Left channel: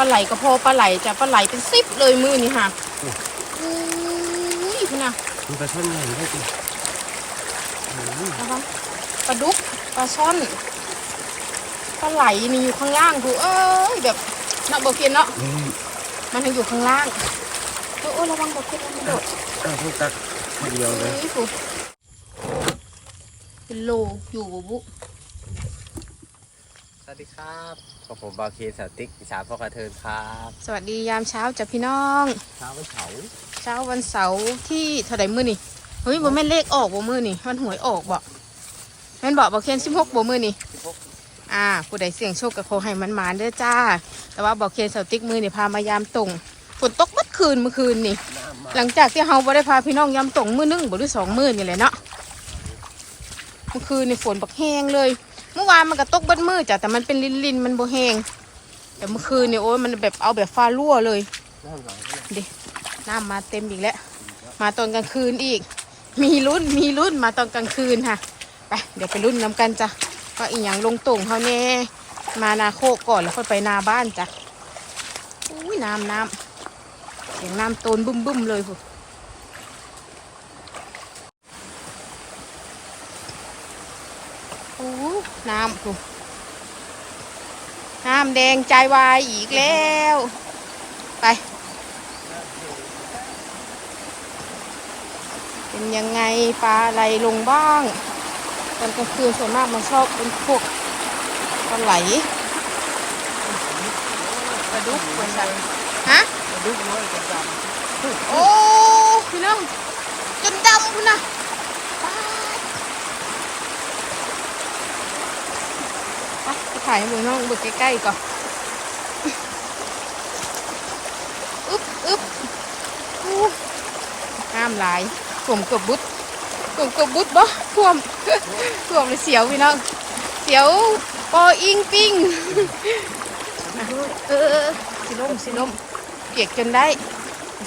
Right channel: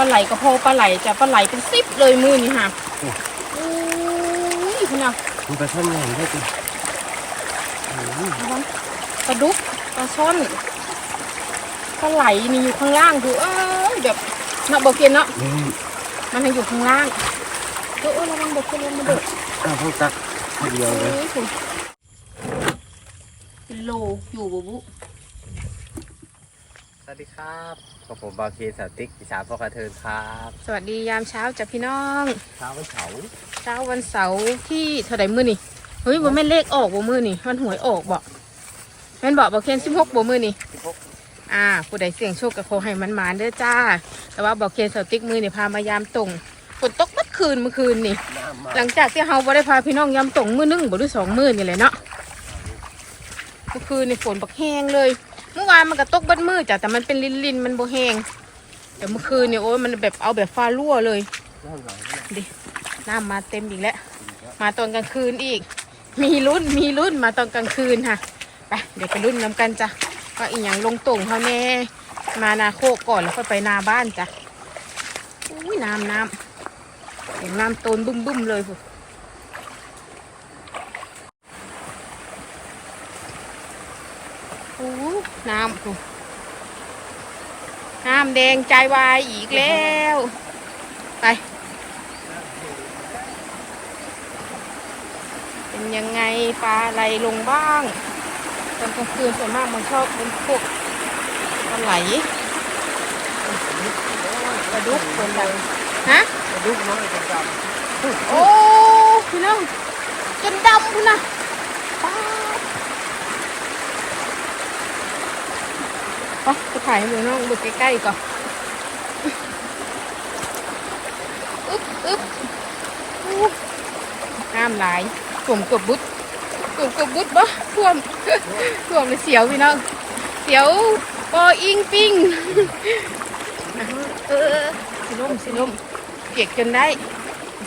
ลาไหลก็พอปลาไหลจะปลาไหลเป็นสิบเลยมือนี่ค่ะอุ้ยคุณน่ะมันไปท่อนใหญ่ได้จ้ะโอ้ยระวังปลาดุกปลาช่อนปลาไหลนี่อยู่ข้างล่างดูเอ้ยแบบเนาะบอกเกียนเนาะนี่มันยังอยู่ข้างล่างเออเออระวังบอกเกียนระวังมันโดดอ้าวต้องตักทีเดียวเลยเอ้ยคุณเป็นโลอยู่บุบุส วัสดีครับกับผมบาเคสาวติ๊กอิสาพ่อกระเทินครับ สวัสดียามเช้าจ้ะพี่น้องเช้าวันเสาร์เช้าวันเสาร์ที่เท่าไหร่มื้อนี่เฮ้ยบ่แม่นเลขออกบ่มื้อนี่วันหวยออกบ่แม่นบอกบ่เคน16บ่มื้อนี่ที่พกอ่าผู้ใดเสี่ยงโชคก็ขอให้มันมาเด้อจ้า แต่ว่าบอกเคนเสาติ๊กมื้อนี่พามายามตรงฝนตกเมื่อคืนเมื่อคืนนี่น้ำมาหลังจากที่เฮาบ่ได้พาพี่น้องยามตรงมื้อหนึงบ่หรือสองมื้อนี่แหละเนาะเมื่อคืนนี่ฝนบักแห้งเลย เมื่อวานมันก็ตกเบัดมือจ้ะแต่มันเป็นลินๆมันโบแหงแต่เมื่อคืนเนี่ยโอ้ยมันแบบเอาแบบฟ้ารั่วเลยน้ำหลังก็ได้ดิน้ำมาเต็มอีกแล้วมาตอนกลางคืนอีก มีรุ่นมีรุ่นมาตอนกลางคืนค่ะไปเดี๋ยวไปรุ่นน้ำกันจ้ะว่าอีหยังลงตุ่งเขาแน่มานาโคกก่อนแล้วค่อยไปนาบ้านจ้ะอุ้ยน้ำน้ำเสียงน้ำโตนบึ้มบึ้มๆเลยพุโน้ำพุน้ำแดงใจวายอีกแล้ว ไป เป็นยังไงปลาอะไรลงบ้าง ตอนกลางคืนส่วนมากมันชอบเป็นพวกปลาไหลปลาดุกเป็นแบบฮะกระดุกน้อยกระดโอ้พี่น้องจนดำคุณนะไป ไปไปถ่ายให้ดูน้องดูใกล้ๆก่อนอึ๊บอึ๊บอู้น้ำไหลายท่วมเกือบบุดท่วมเกือบบุดบ่ท่วมท่วมเลยเสียวพี่น้องเสียวปออิงปิงอะเออสิลมสิลมเปียกจนได้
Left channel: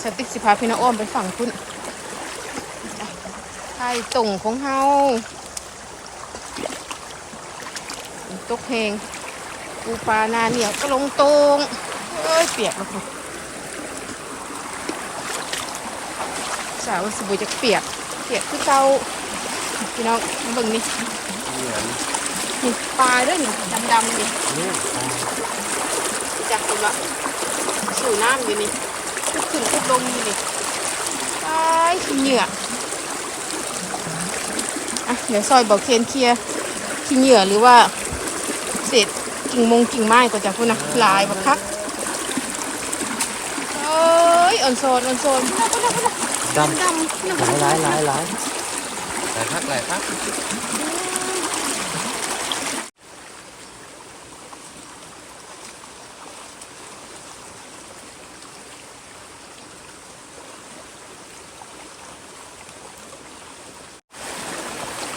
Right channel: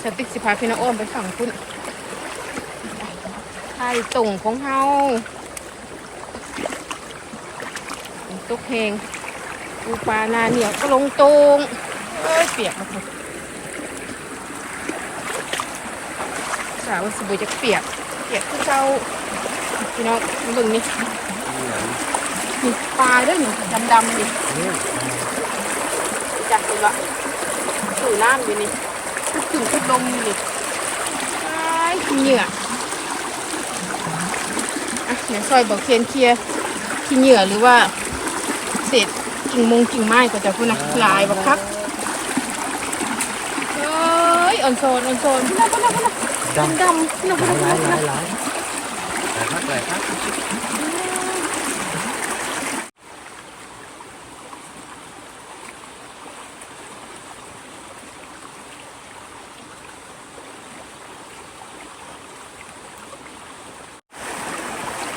สติ๊กสิพาพี่น้องอ้อมไปฝั่งคุณไข่ตุ่งของเฮาต กเพลงปูปลานาเหนียวก็ลงตรงเอ้ยเปียกมาคุณสาวสบู่จะเปียก เปียกที่เจ้าพี่น้องบึงนี่ำเหมือนนี่ปลาด้วยนี่ดำๆนี่เรื่องจับคุณละสู่น้ำอยู่นี่คุดขึ้นคุดลงอยู่นี่ไอ้เหงื่ออะเดี๋ยวซอยบอกเคียนเชียร์ขี้เหงื่อหรือว่า กิ่งมงกิ่งไม้ก็จะพูดนะลายบักคักโอ้ยอ่อนโซนอ่อนโซนพูดนะพูดนะพูดนะเป็นดำพูดนะพูดหลานะยพูดหลานะยหลายลายครับหลายครับ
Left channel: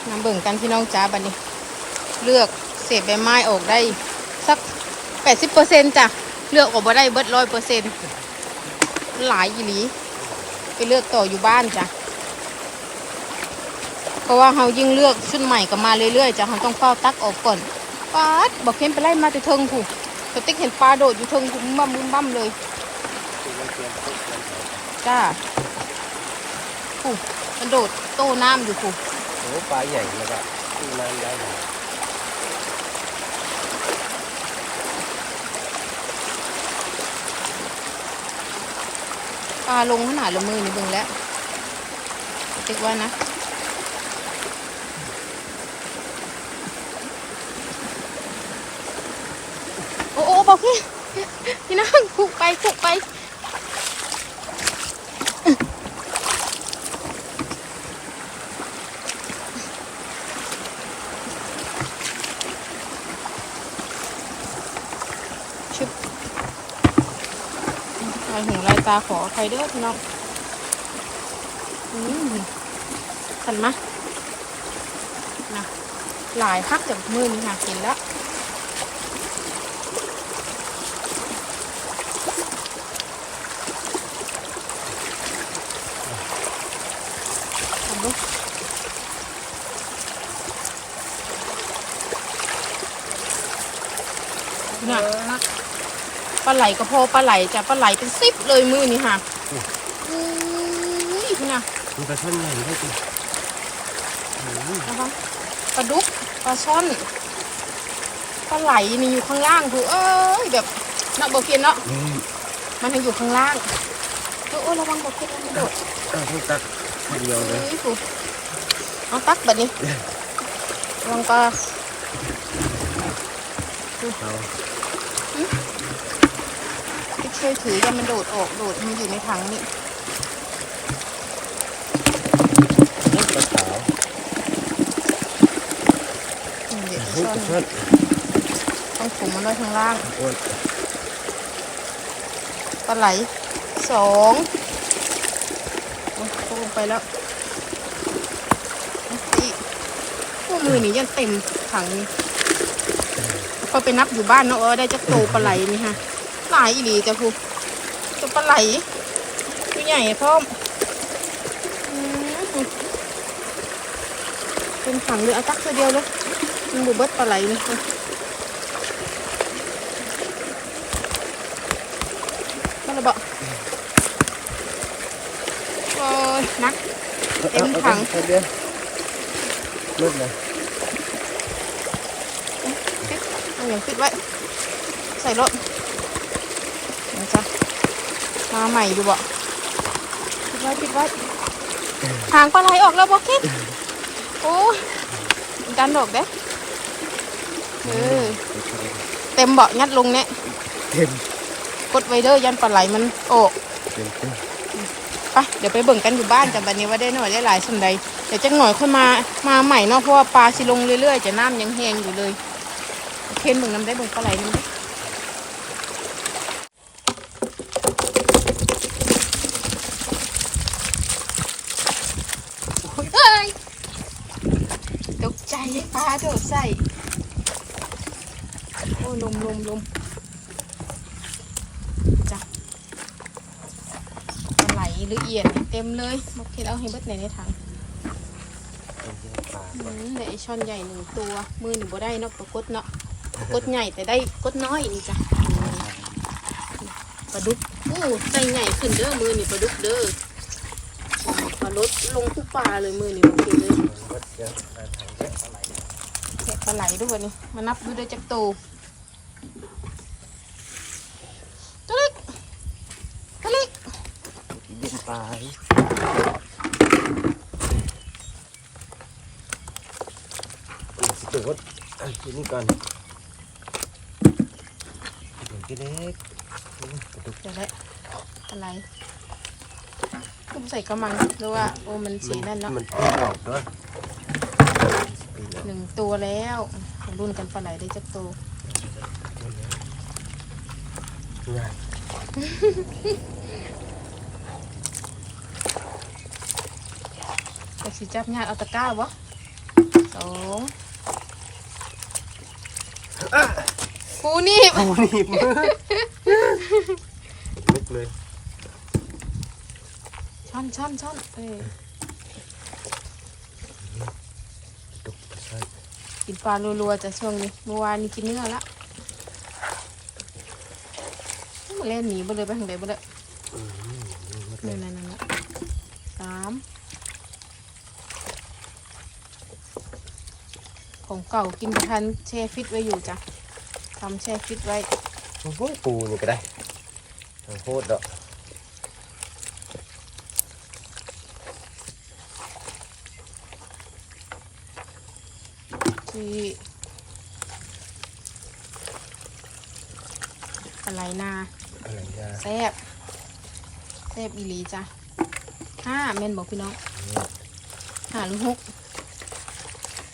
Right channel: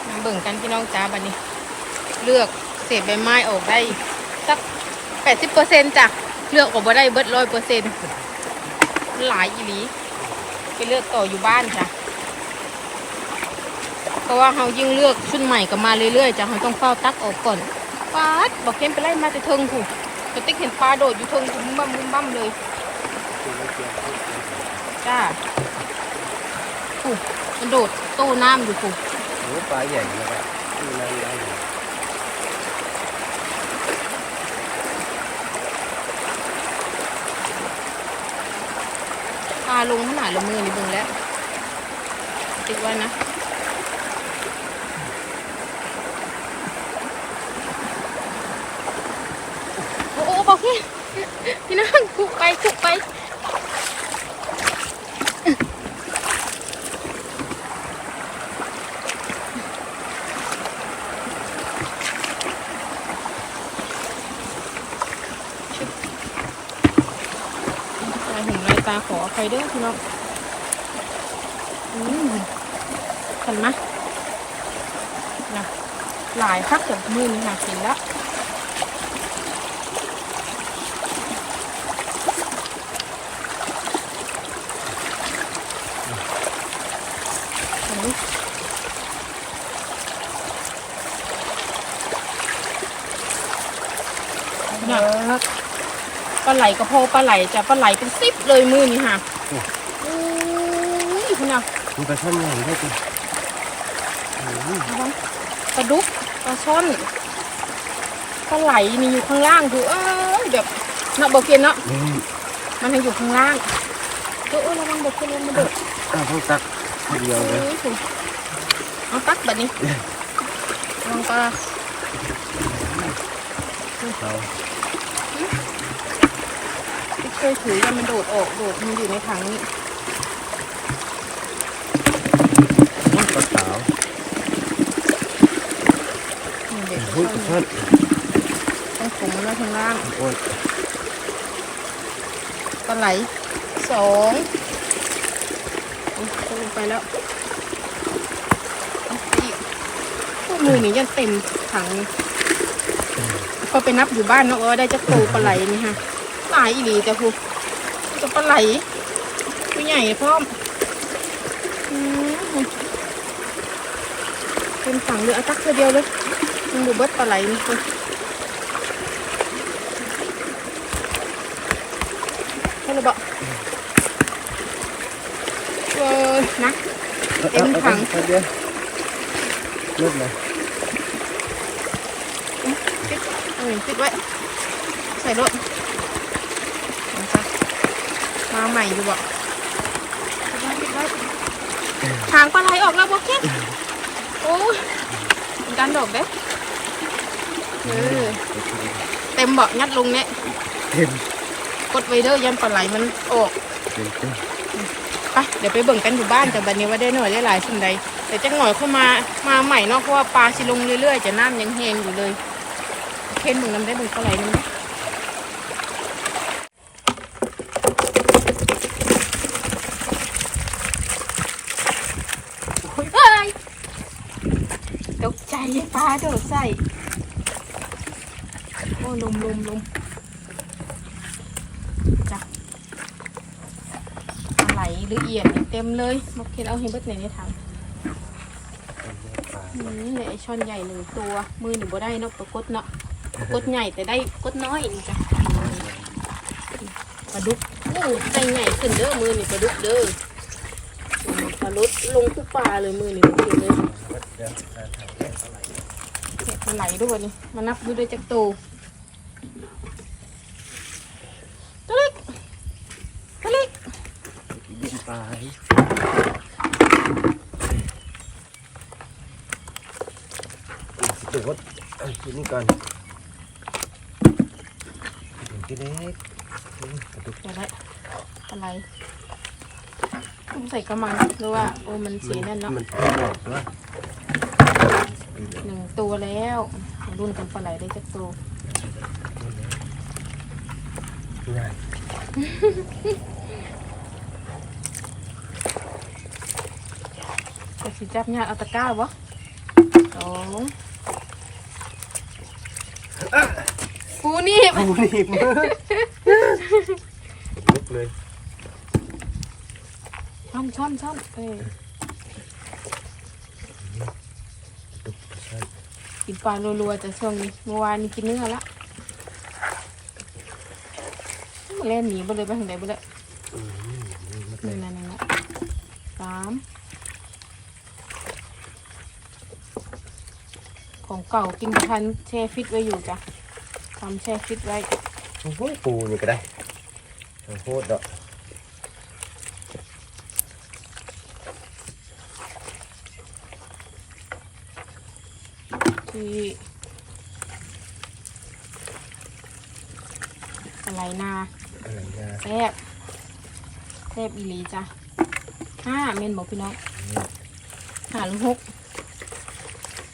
มาเบิ่งกันพี่น้องจ้าบัดนี้ เลือกเศษใบไม้ออกได้ สักแปดสิบเปอร์เซ็นต์จ้ะเลือกออกมาได้เบิดร้อยเปอร์เซ็นต์หลายอีหลีไปเลือกต่ออยู่บ้านจ้ะเพราะว่าเรายิ่งเลือกชุดใหม่ก็มาเรื่อยๆจ้ะเราต้องเฝ้าตักออกก่อนปาดบอกเห็นไปไล่มาไปเทิงถูกกระติ๊กเห็นปลาโดดอยู่เทิงบุ้มบั่มบุ้มบั่มเลยจ้าถูกมันโดดโต้น้ำอยู่ถูกปลาใหญ่เลยอะไม่ได้เลย ปลาลงหนาลงมือนิดนึงแล้วคิดว่านะโอ้โหบอกพี่พี่นั่งคุกไปคุกไป ลายหูลายตาขอใครด้วยพี่น้องอืมขันมะนะหลายพักจากมือนี่ค่ะเห็นแล้วเห็นไหมขนาด ปลาไหลกระเพาะปลาไหลจะปลาไหลเป็นสิบเลยมือนี่ค่ะอุ้ยคุณน่ะมันปลาช่อนใหญ่ด้วยจ้ะอืมระวังปลาดุกปลาช่อนปลาไหลมีอยู่ข้างล่างคือเอ้ยแบบเนาะบอกเกียนเนาะนี่มันยังอยู่ข้างล่างโอ้ยระวังบอกเกียนมันโดดอ้าวต้องตักทีเดียวเลยเอ้ยคุณเอาตักแบบนี้ระวังปลาเอา ที่เคยถือกันมันโดดออกโดดมันอยู่ในถังนี่ปลาขาวนี่เด็กอุ้ยซ่อปลานช่อนต้องถุงมันไว้ข้างล่างโอ้ยปลาไหลสองโอ้ยจะลงไปแล้วเอาอีกพวกมือนี่ยังเต็มถังนี่พอไปนับอยู่บ้านเนาะเออได้จะโตปลาไหลนี่ฮะ หลายอีหลีจ้ะครูจะปลาไหลตัวใหญ่พร้อมอืมเป็นถังเลยเอาตักตัวเดียวเลยมันบุเบิดปลาไหลนี่ค่ะให้เราบอกเออนะเต็มถังเอาเดียวลุกเลยเอาอย่างติดไว้ใส่รถนี่จ้ะ มาใหม่อยู่บ่ติดไว้ติดไว้ทางปลาไหลออกแล้วบอกแค่โอ้ยดันดอกเด้เออเต็มเบาะงัดลงเนี่ยเต็มกดไว้เด้อยันปลาไหลมันออกเต็มเต็มไปเดี๋ยวไปเบิ่งกันอยู่บ้านแต่บัดนี้ว่าได้หน่อยได้หลายส่วนใดเดี๋ยวจังหน่อยขึ้นมามาใหม่เนาะเพราะว่าปลาชิลงเรื่อยๆจะน้ำยังแห้งอยู่เลยเค็มเบิ่งน้ำได้เบิ่งปลาไหลนึงโอ้ ยเอ้ยตกใจปลาโดดใส่ โอ้ลมลมลมจ้ะไหลละเอียดเต็มเลยมาเห็นเอาเห็นเบิดไหนในถังเนี่ยไอช่อนใหญ่หนึ่งตัว มือหนึ่งบ่ได้นาะปลากดเนาะปลากดใหญ่แต่ได้กดน้อยอีกจ้ะปลาดุกอู้ใจใหญ่ขึ้นเด้อมือนี่ปลาดุกเด้อ ปลาลดลงทุกปลาเลยมือนี่มันเลยแกะปลาไหลด้วยนนี้มานับดูได้จักโตตัวเล็กตัวเล็กดินปลาสุดเอากินนี่ก่อนกินเล็กเดี๋ยวได้อะไร ตุ้มใส่กระมังหรือว่าโอ้มันสีนั่นเนาะมันเพิ่มดอกด้วยหนึ่งตัวแล้วรุ่นกันปลาไหลได้จักตัวง่ายแต่สีจับเนี่ยเอาตะกร้าวะสองกูนี่โอ้นี่มือลุกเลย ช่อนช่อนช่อนเอ้ยดุกใช่กินปลารัวๆจะช่วงนี้เมื่อวานนี้กินเนื้อละเล่นหนีไปเลยไปทางไหนไปเลยอืมลุกเลนี่นั่นนั่นสามของเก่ากินทันแช่ฟิตไว้อยู่จ้ะทำแช่ฟิตไว้โอ้ยปูนี่ก็ได้โอ้โหดอก ที่อะไรนาอะไรนะแซ่บแซ่บอีหลีจ้ะห้าเมนบอกพี่น้องหาลูกหก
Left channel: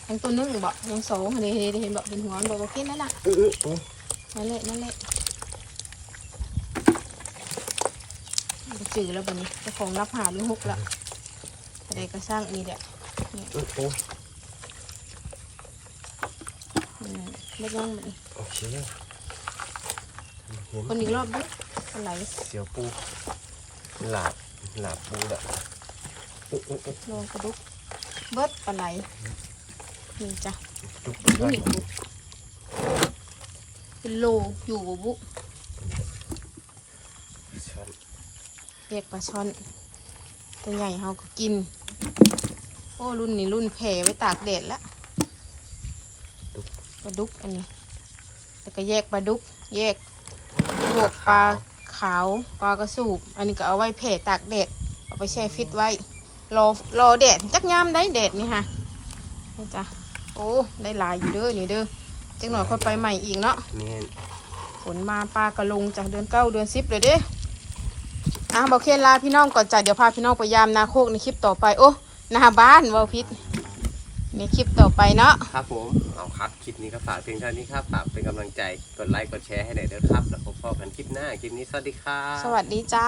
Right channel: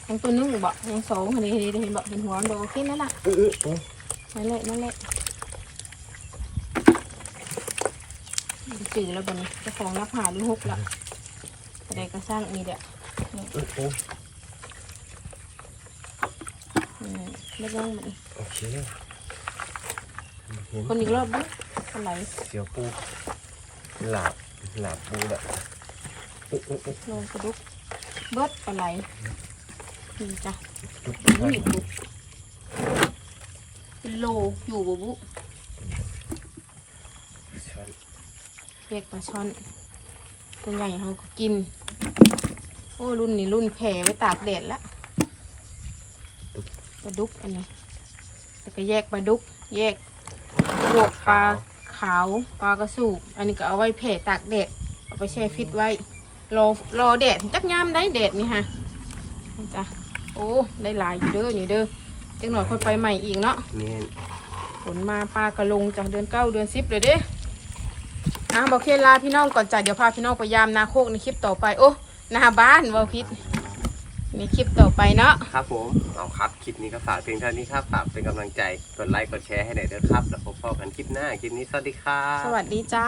ทั้งตัวนึงบอกยังสองเห็นเห็นเห็นบอกเห็นหัวมันบอกว่ากินนั่นล่ะอื้ออื้อโอ้นั่นแหละนั่นแหละจืดแล้วบนนี้เจ้าของนับหาลูกหกละอะไรก็สร้างอีเดียอื้อโอ้อื มเล็กน้องมันโอเคเห็นคนอีกรอบดิอะไรเสียวปูหลาบหลาบปูแบบอื้ออื้ออื้อลงกระดุกเบิดปลาไหลนี่จ้ะอื้อนี่บุเป็นโลอยู่บ่บุยกปลาช่อนตัวใหญ่เขาก็กิน โอ้รุ่นนี้รุ่นแผ่ไว้ตากแดดแล้ว ปลาดุกอันนี้แล้วก็แยกปลาดุก แยกพวกปลาขาวปลากระสูบอันนี้ก็เอาไว้แผ่ตากแดดเอาไปแช่ฟิตไว้ รอรอแดดจักยามได้แดดนี่ฮะนี่จ้ะโอ้ได้หลายอยู่เด้อนี่เด้อจังหน่อยคนไปใหม่อีกเนาะแม่นฝนมาปลากระลงจากเดือนเก้าเดือนสิบเลยเด้อะบอกเคนลาพี่น้องก่อนจ้ะเดี๋ยวพาพี่น้องไปยามนาโคกในคลิปต่อไปโอ้หน้าบ้านวอพิษ ในคลิปต่อไปเนาะครับผมเอาครับคลิปนี้ก็ฝากเพียงเท่านี้ครับฝากเป็นกำลังใจกดไลค์กดแชร์ให้หน่อยเด้อครับ แล้วพบกันคลิปหน้าคลิปนี้สวัสดีครับสวัสดีจ้า